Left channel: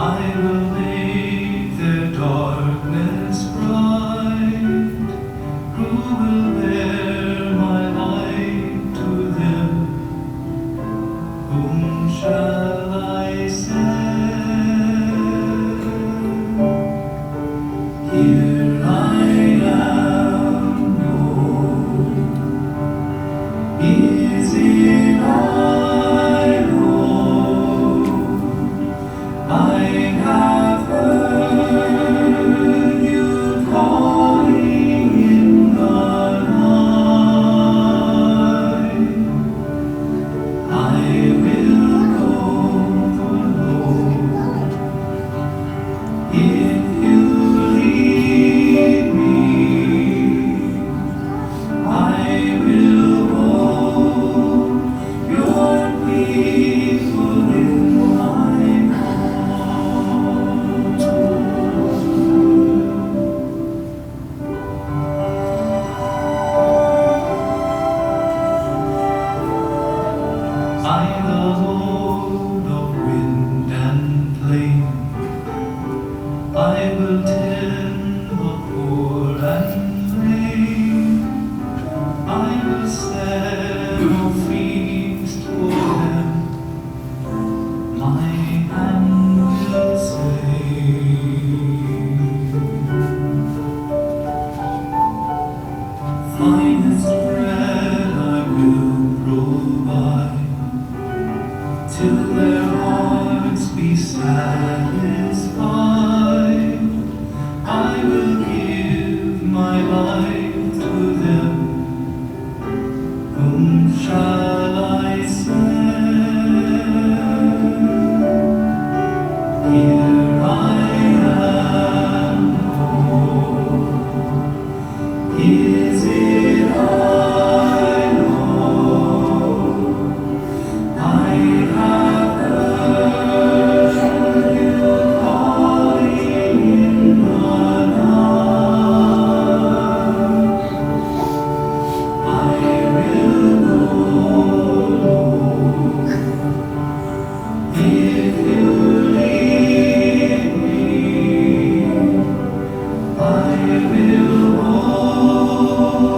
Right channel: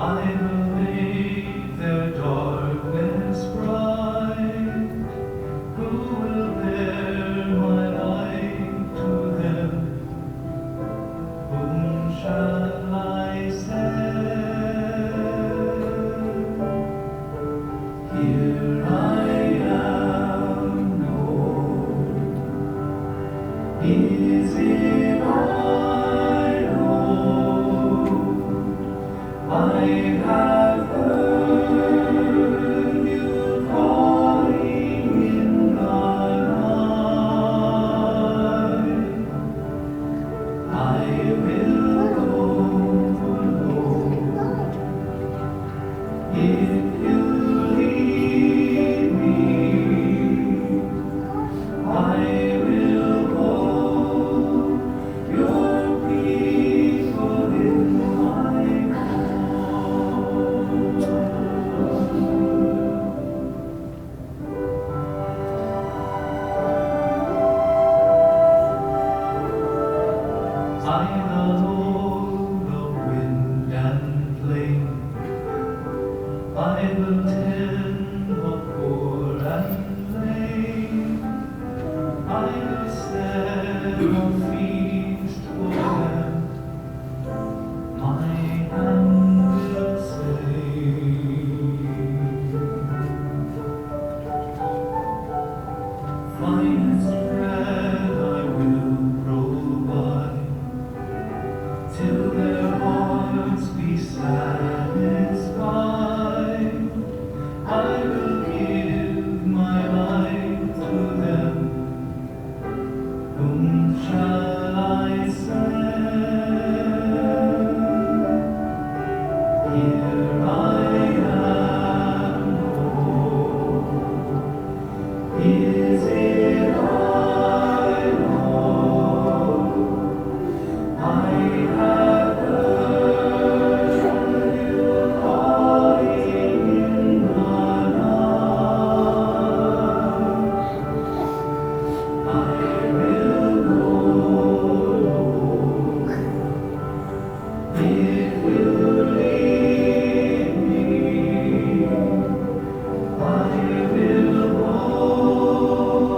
I will make their darkness bright. Who will bear my light to them? Whom shall I send? Here I am, Lord. Is it I, Lord? I have heard you calling in the night. I will go through. If you lead me, I will hold your people in my arms. I, the Lord of wind and plain, I will tend the poor and lame. I will set a feast for them. My hand will save. Finest bread I will provide, till their hearts be satisfied. I will give my life to them. Whom shall I send? Here I am, Lord. Is it I, Lord? I have heard you calling in the night. I will go, Lord. If you lead me, I will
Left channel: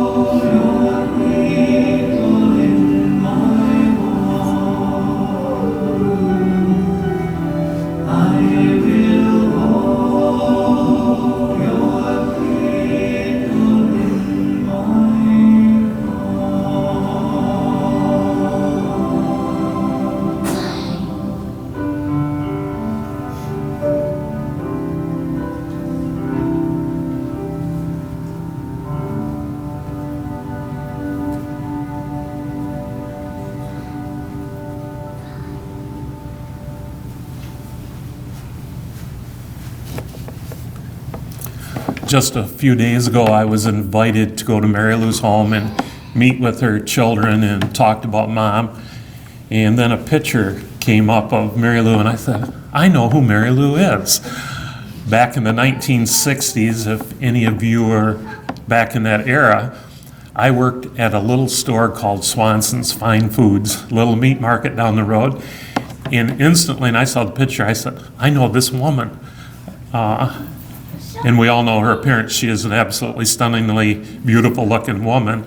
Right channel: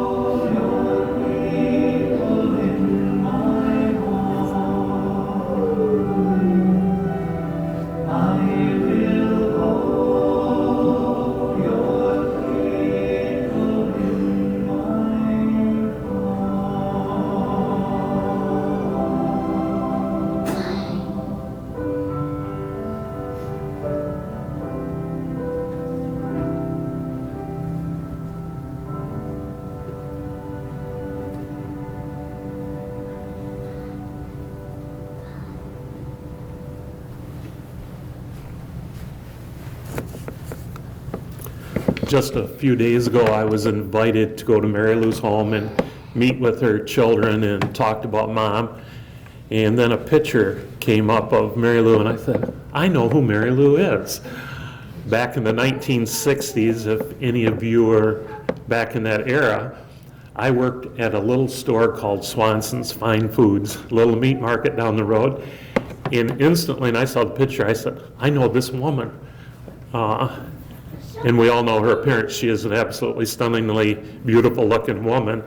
hold your people in my arms. I will hold your people in my arms. Just a few days ago, I was invited to go to Mary Lou's home and meet with her children and talked about Mom. And then a picture came up of Mary Lou, and I thought, I know who Mary Lou is. Back in the 1960s, if any of you were back in that era, I worked at a little store called Swanson's Fine Foods, little meat market down the road. And instantly, and I saw the picture, I said, I know this woman. And we all know her appearance. She is an absolutely stunningly beautiful looking woman.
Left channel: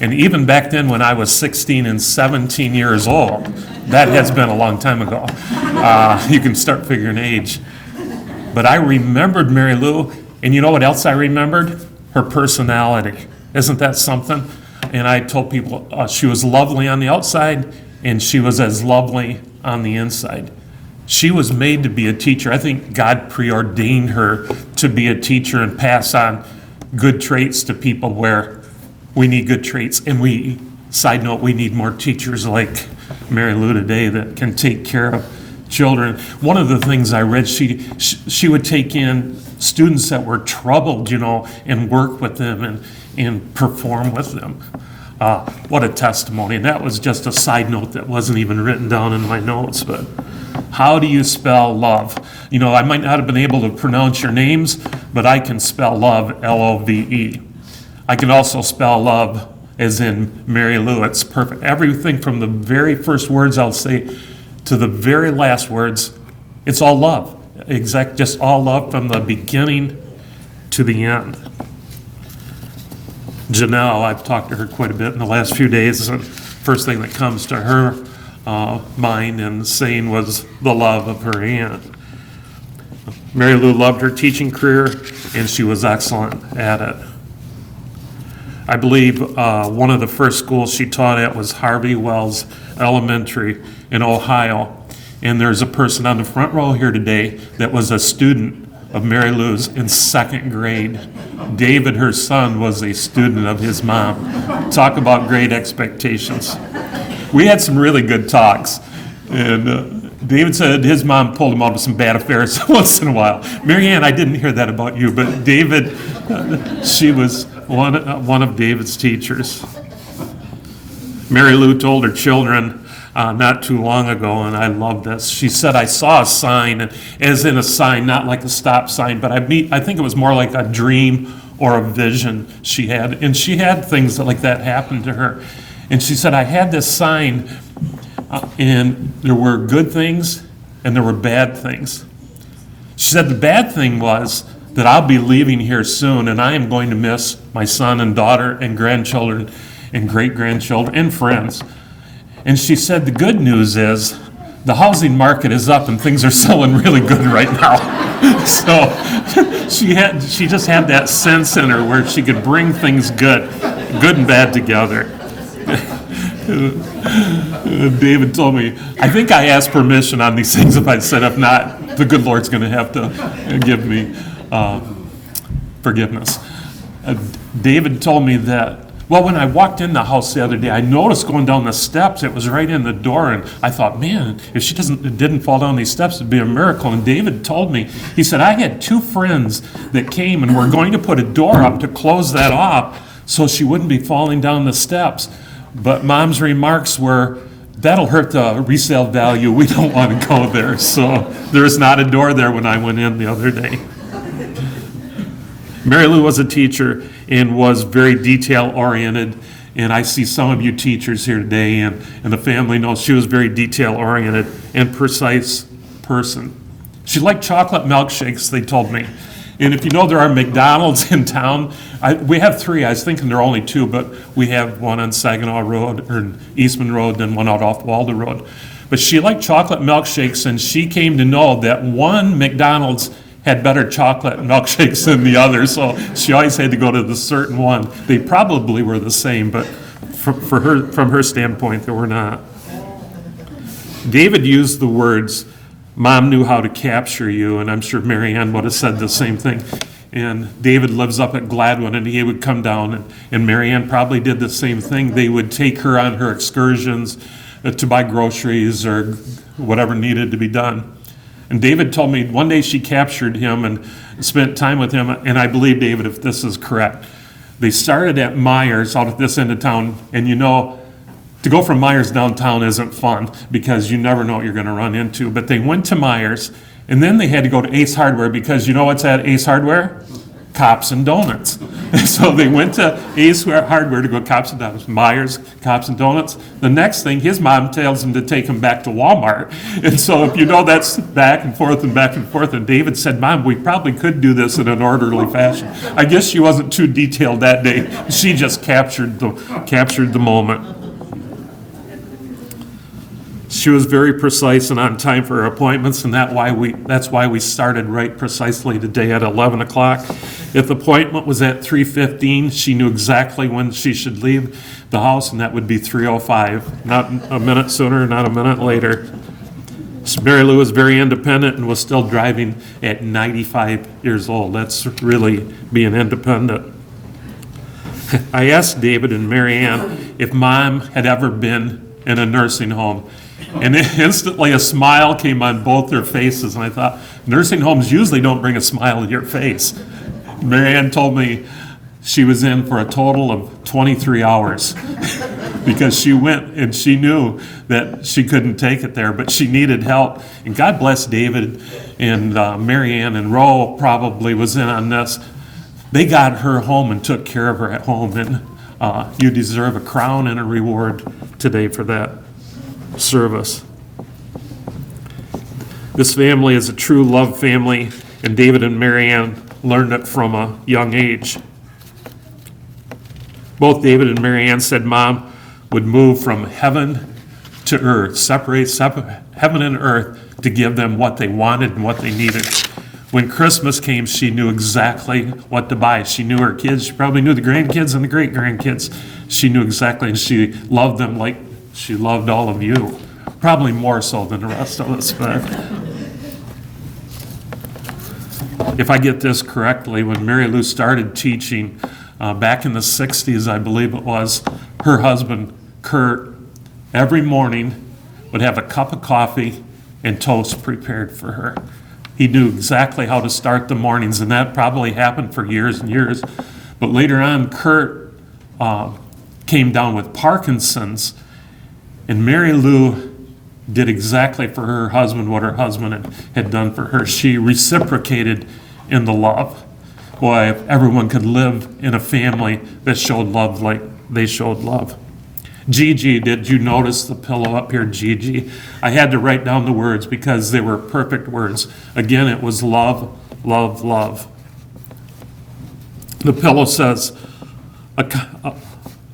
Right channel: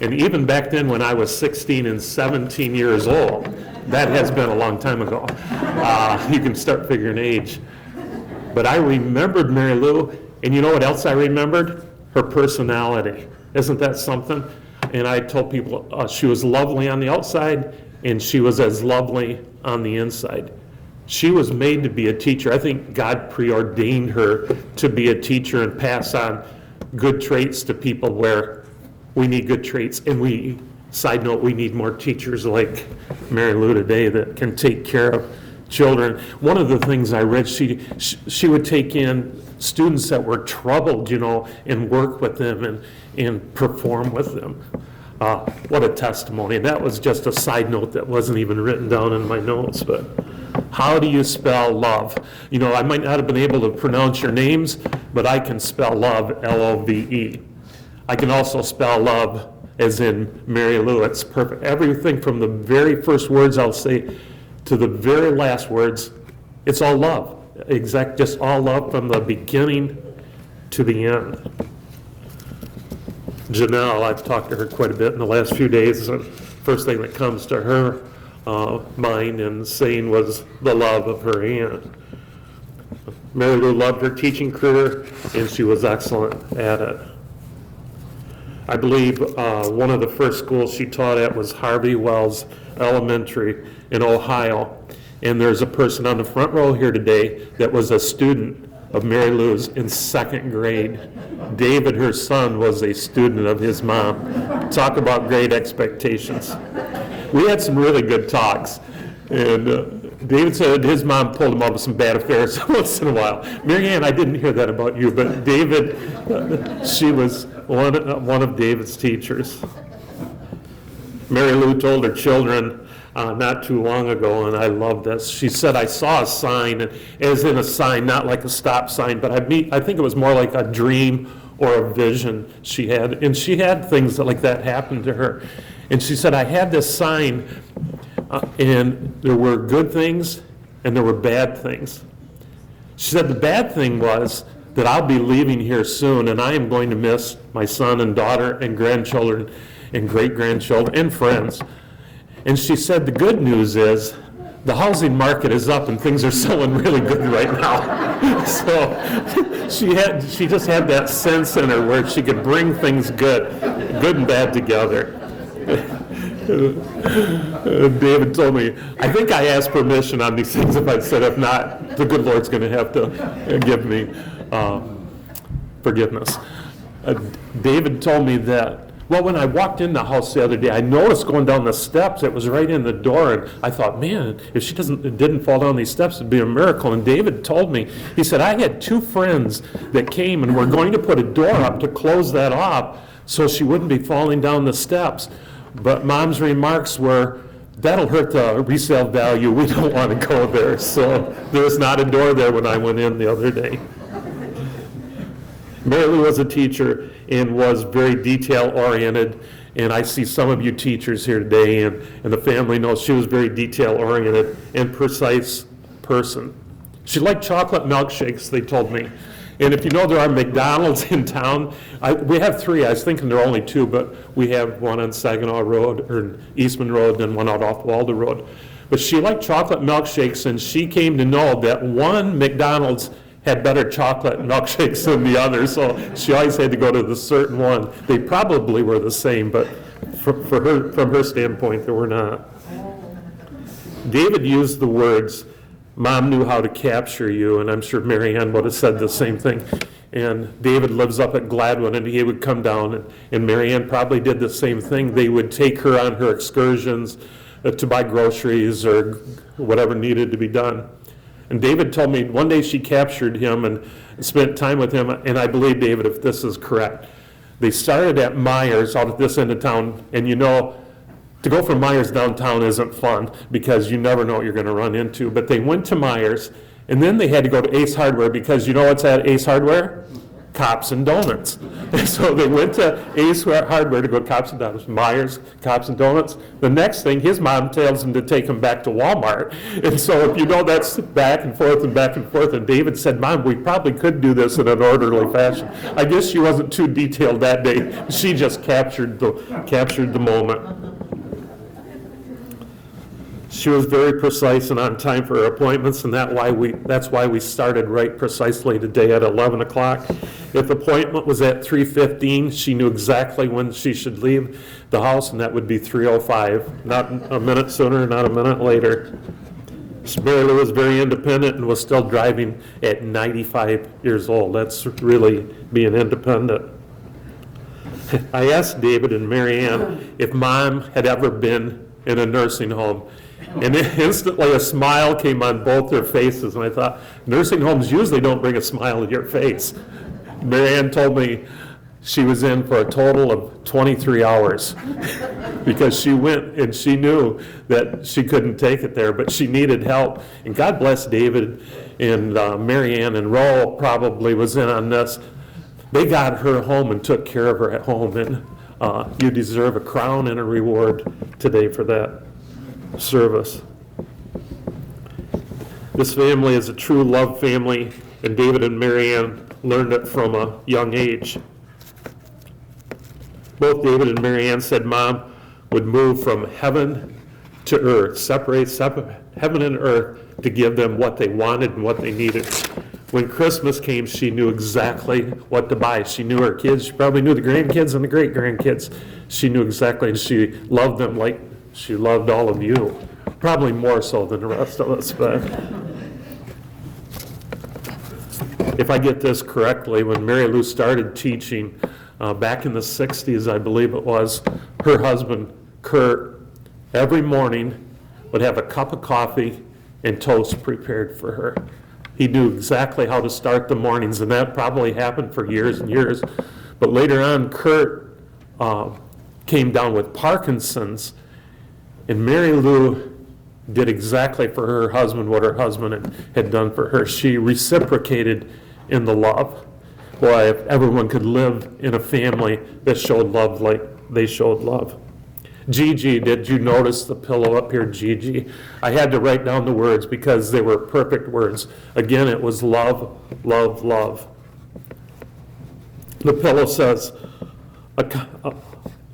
And even back then when I was 16 and 17 years old, that has been a long time ago. You can start figuring age. But I remembered Mary Lou, and you know what else I remembered? Her personality. Isn't that something? And I told people she was lovely on the outside, and she was as lovely on the inside. She was made to be a teacher. I think God preordained her to be a teacher and pass on good traits to people where we need good traits. And we, side note, we need more teachers like Mary Lou today that can take care of children. One of the things I read, she would take in students that were troubled, and work with them and perform with them. What a testimony. And that was just a side note that wasn't even written down in my notes, but how do you spell love? I might not have been able to pronounce your names, but I can spell love, L-O-V-E. I can also spell love as in Mary Lou. It's perfect. Everything from the very first words I'll say to the very last words, it's all love. just all love from the beginning to the end. Janelle, I've talked to her quite a bit in the last few days, and first thing that comes to her mind and saying was the love of her aunt. Mary Lou loved her teaching career, and she was excellent at it. I believe one of the first schools she taught at was Harvey Wells Elementary in Ohio. And there's a person on the front row here today that was a student of Mary Lou's in second grade. David, her son, was a student of his mom. Talk about great expectations. We had some really good talks. And David said his mom pulled him out of some bad affairs once in a while. Mary Ann, I didn't hear that about you, but David, she was one of David's teachers. Mary Lou told her children not too long ago, and I love this. She said, I saw a sign, as in a sign, not like a stop sign, but I think it was more like a dream or a vision she had. And she had things like that happen to her. And she said, I had this sign, and there were good things and there were bad things. She said the bad thing was that I'll be leaving here soon, and I am going to miss my son and daughter and grandchildren and great-grandchildren and friends. And she said the good news is the housing market is up and things are selling really good right now. So she just had that sense in her where she could bring things good and bad together. David told me, I think I asked permission on these things. If I said, if not, the good Lord's going to have to give me forgiveness. David told me that, well, when I walked in the house the other day, I noticed going down the steps, it was right in the door, and I thought, man, if she didn't fall down these steps, it'd be a miracle. And David told me, he said, I had two friends that came and were going to put a door up to close that off so she wouldn't be falling down the steps. But Mom's remarks were, that'll hurt the resale value. We don't want to go there. So there's not a door there when I went in the other day. Mary Lou was a teacher and was very detail-oriented. And I see some of you teachers here today, and the family knows she was very detail-oriented and precise person. She liked chocolate milkshakes, they told me. And if you know, there are McDonald's in town. We have three. I was thinking there are only two, but we have one on Saginaw Road, or Eastman Road, and one out off Waldo Road. But she liked chocolate milkshakes, and she came to know that one McDonald's had better chocolate milkshakes than the other, so she always had to go to the certain one. They probably were the same, but from her standpoint, they were not. David used the words, Mom knew how to capture you, and I'm sure Mary Ann would have said the same thing. And David lives up at Gladwin, and he would come down, and Mary Ann probably did the same thing. They would take her on her excursions to buy groceries or whatever needed to be done. And David told me one day she captured him and spent time with him, and I believe, David, if this is correct, they started at Myers out at this end of town, and you know, to go from Myers downtown isn't fun because you never know what you're going to run into. But they went to Myers, and then they had to go to Ace Hardware because you know what's at Ace Hardware? Cops and Donuts. So they went to Ace Hardware to go to Cops and Donuts. Myers, Cops and Donuts. The next thing, his mom tells him to take him back to Walmart. And so if you know, that's back and forth and back and forth. And David said, Mom, we probably could do this in an orderly fashion. I guess she wasn't too detailed that day. She just captured the moment. She was very precise and on time for her appointments, and that's why we started right precisely today at 11 o'clock. If the appointment was at 3:15, she knew exactly when she should leave the house, and that would be 3:05, not a minute sooner, not a minute later. Mary Lou was very independent and was still driving at 95 years old. That's really being independent. I asked David and Mary Ann if Mom had ever been in a nursing home. And instantly a smile came on both their faces, and I thought, nursing homes usually don't bring a smile to your face. Mary Ann told me she was in for a total of 23 hours because she went and she knew that she couldn't take it there, but she needed help. And God bless David and Mary Ann, and Ro probably was in on this. They got her home and took care of her at home, and you deserve a crown and a reward today for that service. This family is a true love family, and David and Mary Ann learned it from a young age. Both David and Mary Ann said Mom would move from heaven to earth, separate heaven and earth to give them what they wanted and what they needed. When Christmas came, she knew exactly what to buy. She knew her kids. She probably knew the grandkids and the great-grandkids. She knew exactly, and she loved them like she loved all of you. Probably more so than the rest of us, but if I get this correctly, when Mary Lou started teaching back in the 60s, I believe it was, her husband, Kurt, every morning would have a cup of coffee and toast prepared for her. He knew exactly how to start the mornings, and that probably happened for years and years. But later on, Kurt came down with Parkinson's, and Mary Lou did exactly for her husband what her husband had done for her. She reciprocated in the love. Boy, if everyone could live in a family that showed love like they showed love. Gigi, did you notice the pillow up here, Gigi? I had to write down the words because they were perfect words. Again, it was love, love, love. The pillow says,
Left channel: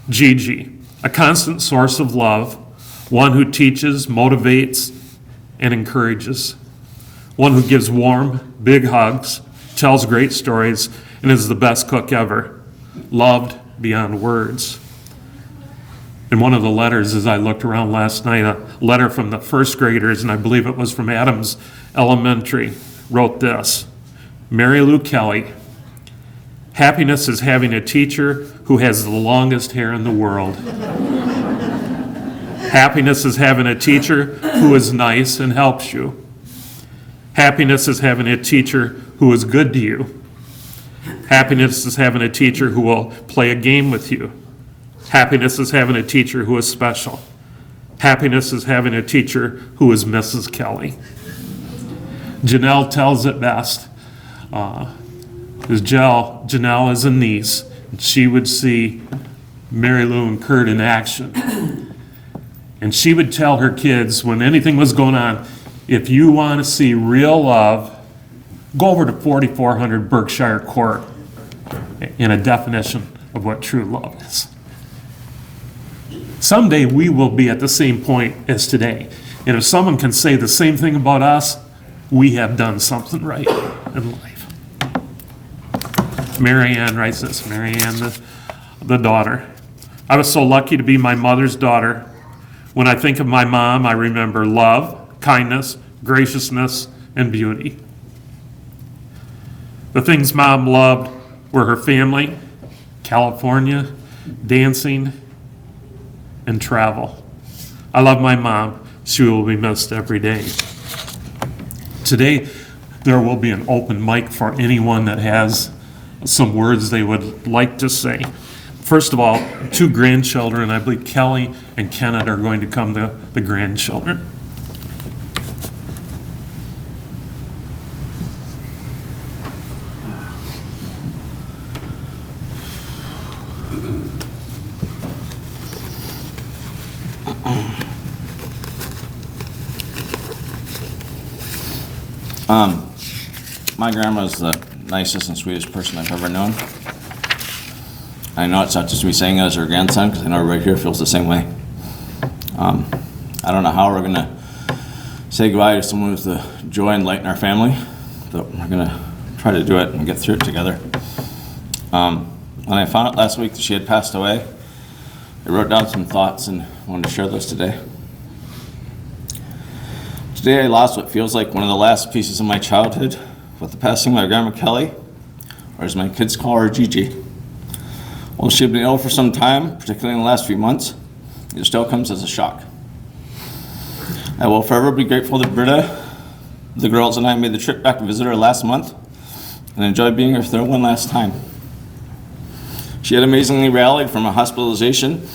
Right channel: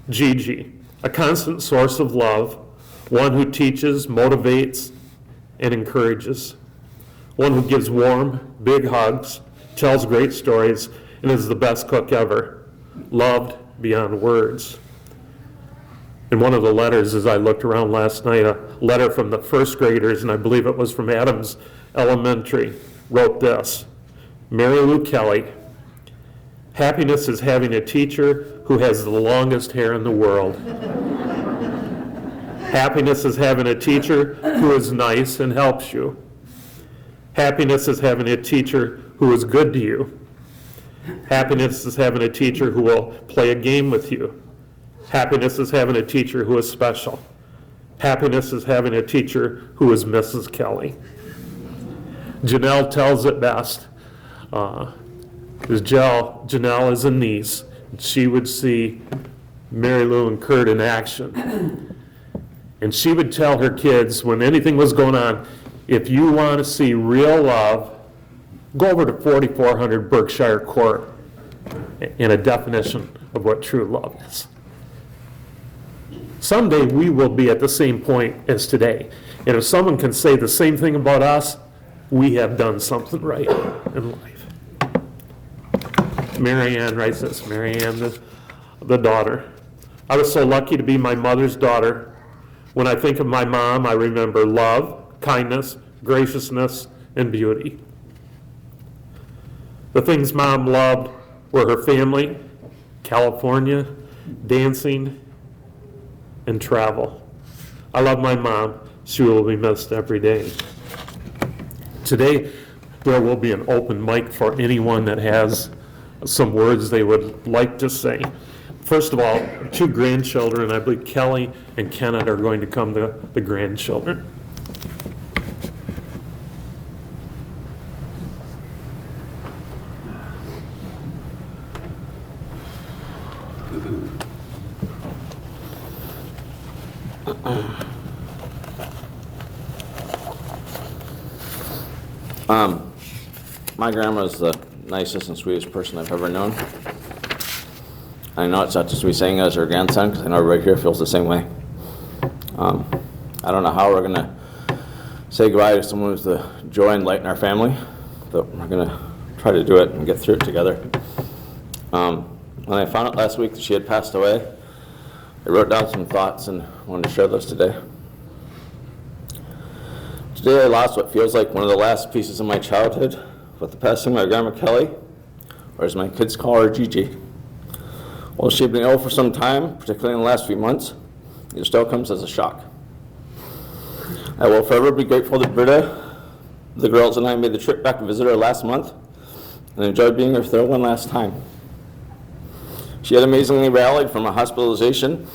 Gigi, a constant source of love, one who teaches, motivates, and encourages, one who gives warm, big hugs, tells great stories, and is the best cook ever, loved beyond words. In one of the letters, as I looked around last night, a letter from the first graders, and I believe it was from Adams Elementary, wrote this: Mary Lou Kelly, happiness is having a teacher who has the longest hair in the world. Happiness is having a teacher who is nice and helps you. Happiness is having a teacher who is good to you. Happiness is having a teacher who will play a game with you. Happiness is having a teacher who is special. Happiness is having a teacher who is Mrs. Kelly. Janelle tells it best. Janelle is a niece. And she would see Mary Lou and Kurt in action. And she would tell her kids when anything was going on, if you want to see real love, go over to 4400 Berkshire Court in a definition of what true love is. Someday we will be at the same point as today. And if someone can say the same thing about us, we have done something right in life. Mary Ann writes this, Mary Ann, the daughter. I was so lucky to be my mother's daughter. When I think of my mom, I remember love, kindness, graciousness, and beauty. The things Mom loved were her family, California, dancing, and travel. I love my mom. She will be missed every day. Today, there will be an open mic for anyone that has some words they would like to say. First of all, 2 grandchildren, I believe Kelly and Kenneth are going to come to the grandchildren. My grandma's the nicest and sweetest person I've ever known. I know it's not just me saying it as her grandson, because I know everybody here feels the same way. I don't know how we're going to say goodbye to someone who's the joy and light in our family, but we're going to try to do it and get through it together. When I found out last week that she had passed away, I wrote down some thoughts and wanted to share those today. Today I lost what feels like one of the last pieces of my childhood with the passing of my grandma Kelly, or as my kids call her, Gigi. While she had been ill for some time, particularly in the last few months, it still comes as a shock. I will forever be grateful that Britta, the girls, and I made the trip back to visit her last month and enjoyed being with her one last time. She had amazingly rallied from a hospitalization,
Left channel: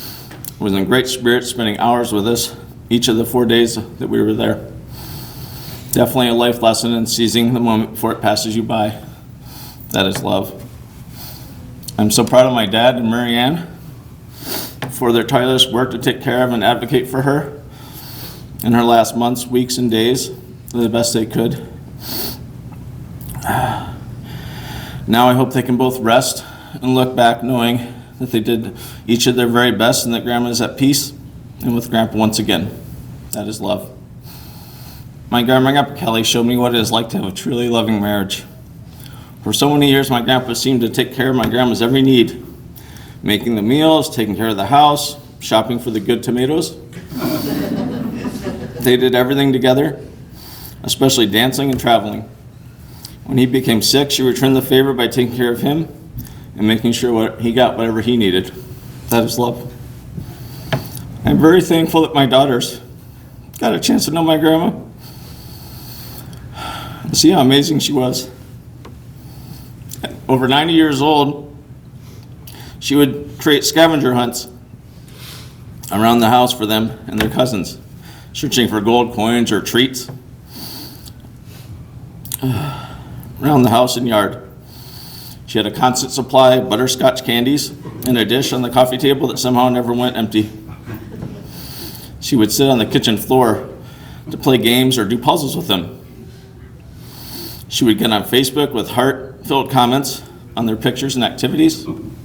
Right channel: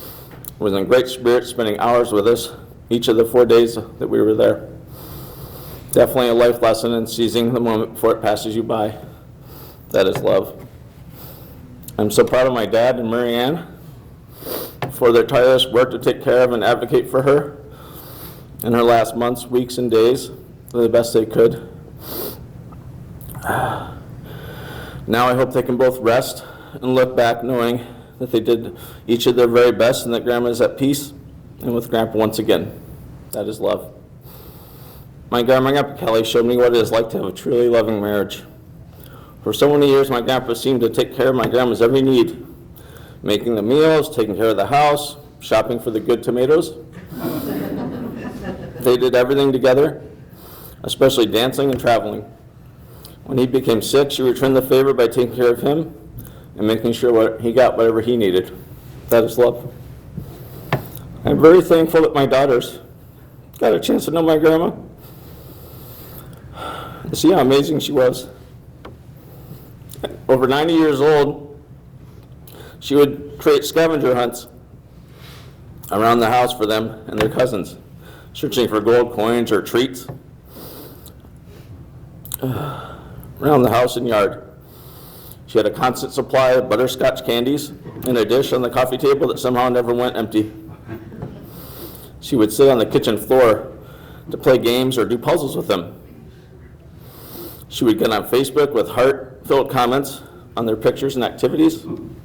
was in great spirits, spending hours with us each of the 4 days that we were there. Definitely a life lesson in seizing the moment before it passes you by. That is love. I'm so proud of my dad and Mary Ann for their tireless work to take care of and advocate for her in her last months, weeks, and days the best they could. Now I hope they can both rest and look back knowing that they did each of their very best and that Grandma is at peace and with Grandpa once again. That is love. My Grandpa Kelly showed me what it is like to have a truly loving marriage. For so many years, my grandpa seemed to take care of my grandma's every need, making the meals, taking care of the house, shopping for the good tomatoes. They did everything together, especially dancing and traveling. When he became sick, she returned the favor by taking care of him and making sure he got whatever he needed. That is love. I'm very thankful that my daughters got a chance to know my grandma and see how amazing she was. Over 90 years old, she would create scavenger hunts around the house for them and their cousins, searching for gold coins or treats around the house and yard. She had a constant supply of butterscotch candies and a dish on the coffee table that somehow never went empty. She would sit on the kitchen floor to play games or do puzzles with them. She would get on Facebook with heart-filled comments on their pictures and activities. And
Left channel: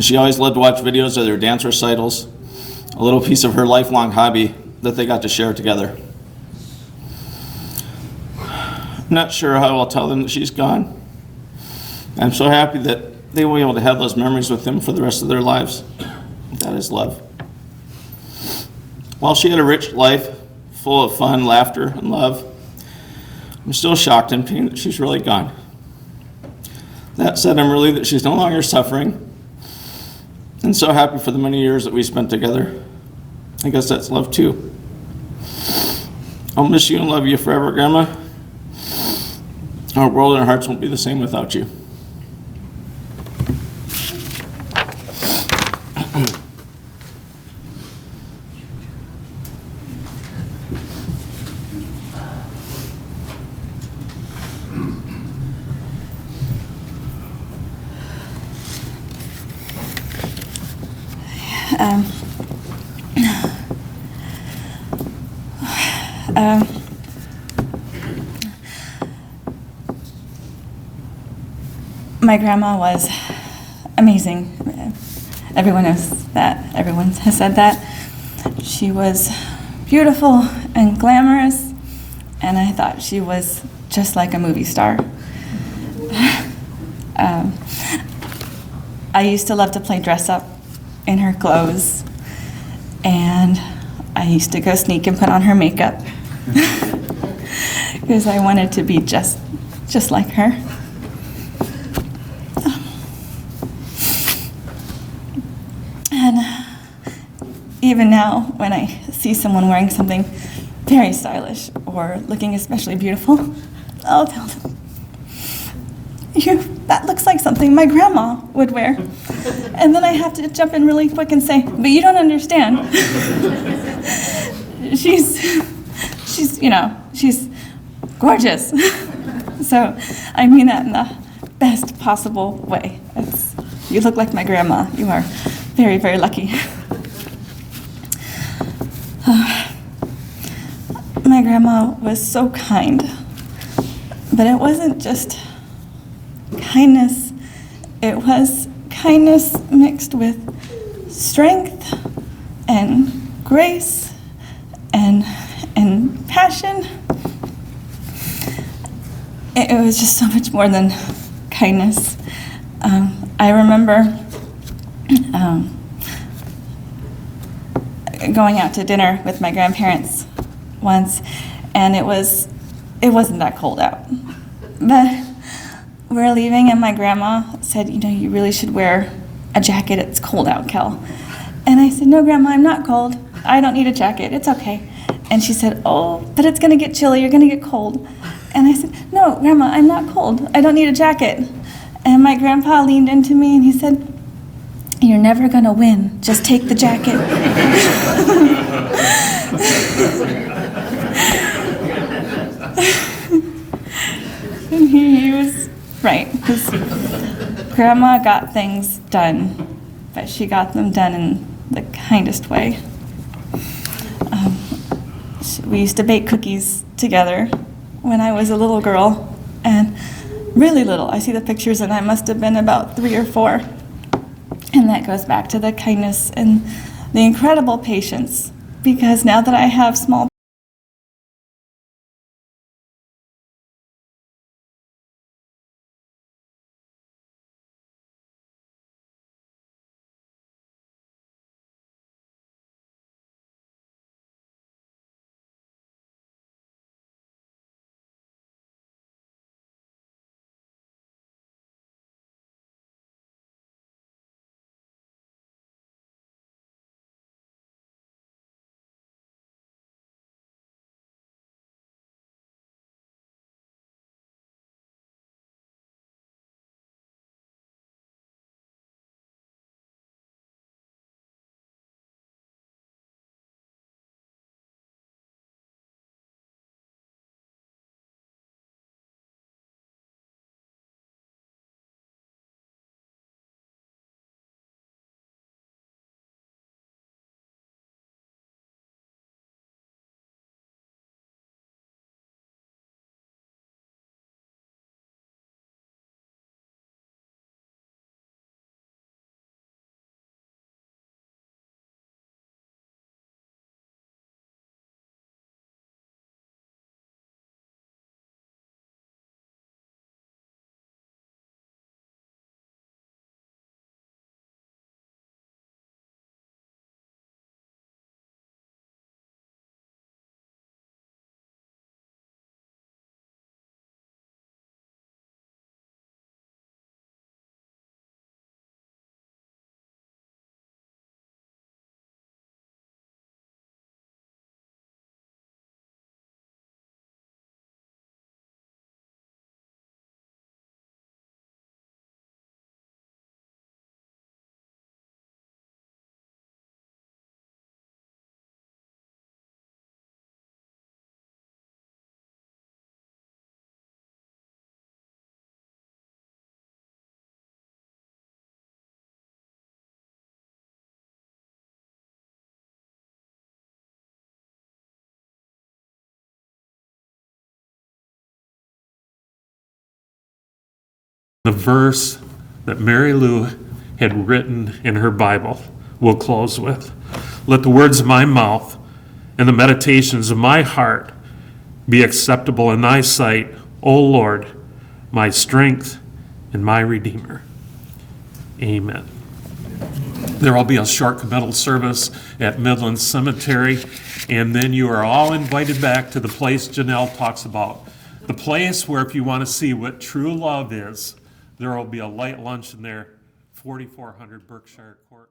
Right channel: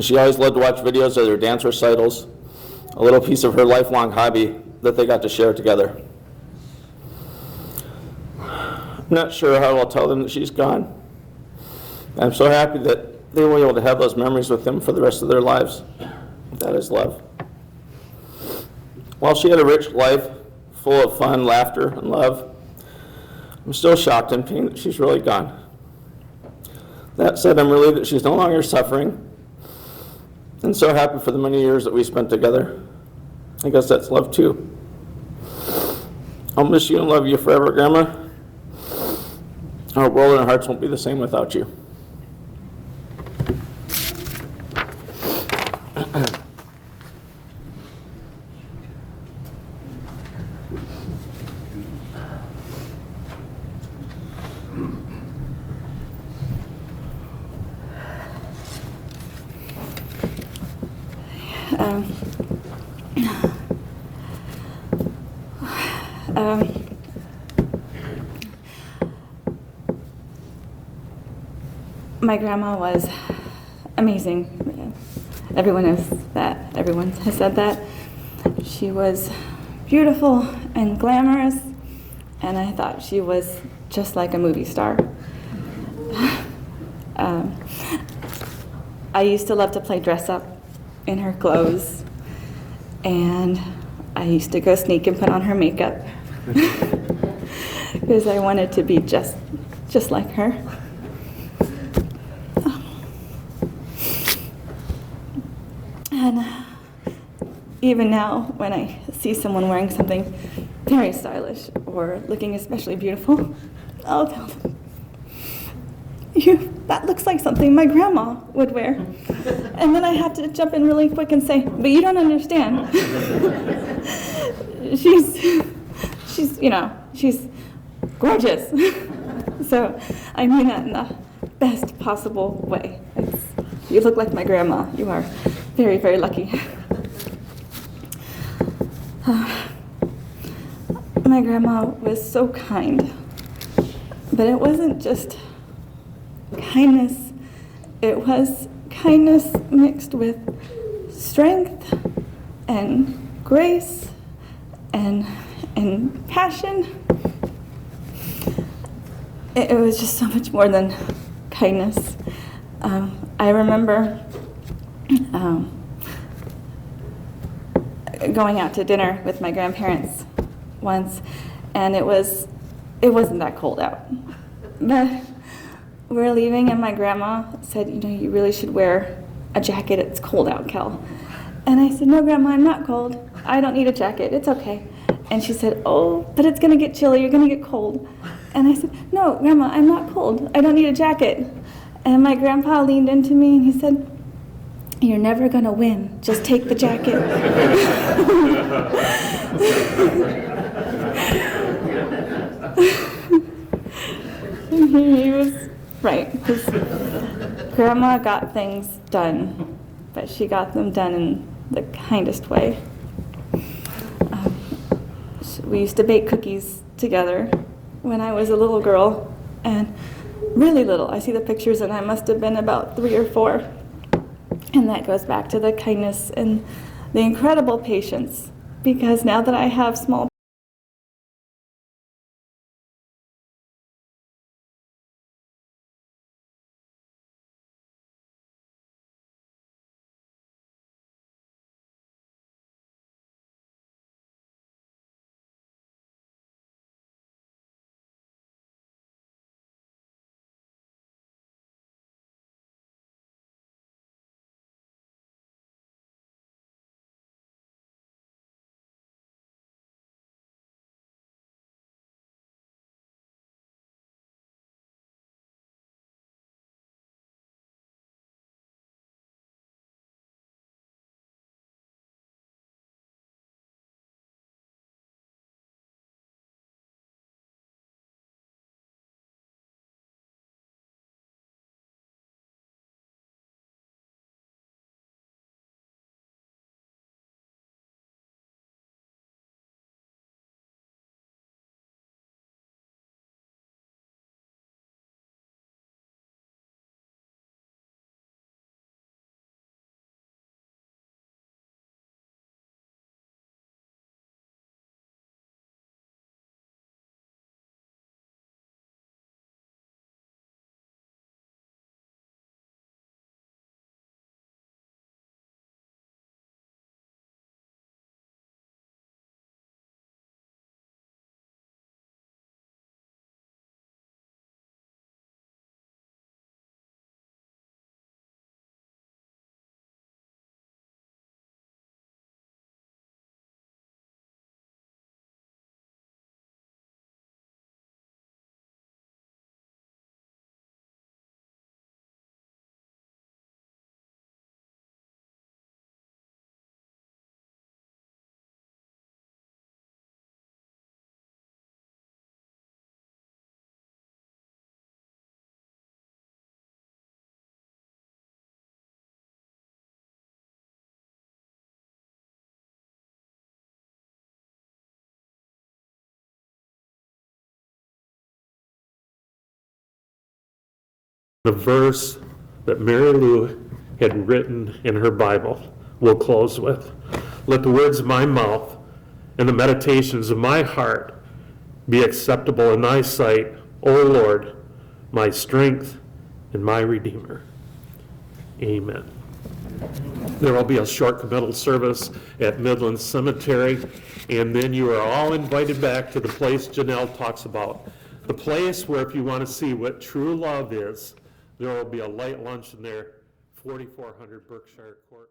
she always loved to watch videos of their dance recitals, a little piece of her lifelong hobby that they got to share together. I'm not sure how I'll tell them that she's gone. I'm so happy that they will be able to have those memories with them for the rest of their lives. That is love. While she had a rich life full of fun, laughter, and love, I'm still shocked and pained that she's really gone. That said, I'm relieved that she's no longer suffering, and so happy for the many years that we spent together. I guess that's love too. I'll miss you and love you forever, Grandma. Our world and our hearts won't be the same without you. My grandma was amazing. Everyone knows that. Everyone has said that. She was beautiful and glamorous, and I thought she was just like a movie star. I used to love to play dress up in her clothes, and I used to go sneak and put on her makeup because I wanted to be just like her. And even now, when I see someone wearing something very stylish or looking especially beautiful, I'll tell them, that looks like something my grandma would wear. And then I have to jump in really quick and say, but you don't understand. she's gorgeous. So I mean that in the best possible way. You look like my grandma. You are very, very lucky. My grandma was so kind, but it wasn't just kindness. It was kindness mixed with strength and grace and passion. It was just so much more than kindness. I remember going out to dinner with my grandparents once, and it wasn't that cold out. But we're leaving, and my grandma said, you really should wear a jacket. It's cold out, Kel. And I said, no, Grandma, I'm not cold. I don't need a jacket. It's okay. And she said, oh, but it's going to get chilly. You're going to get cold. And I said, no, Grandma, I'm not cold. I don't need a jacket. And my grandpa leaned into me, and he said, you're never going to win. Just take the jacket. And he was right, because Grandma got things done, but she got them done in the kindest way. We used to bake cookies together when I was a little girl, and really little. I see the pictures and I must have been about 3 or 4. And that goes back to the kindness and the incredible patience, because now that I have small The verse that Mary Lou had written in her Bible, we'll close with. Let the words of my mouth and the meditations of my heart be acceptable in thy sight, O Lord, my strength and my Redeemer. Amen. There will be a short committal service at Midland Cemetery, and then you are all invited back to the place Janelle talks about. The place where if you want to see what true love is, there will be a light lunch in there, 4400 Berkshire Court.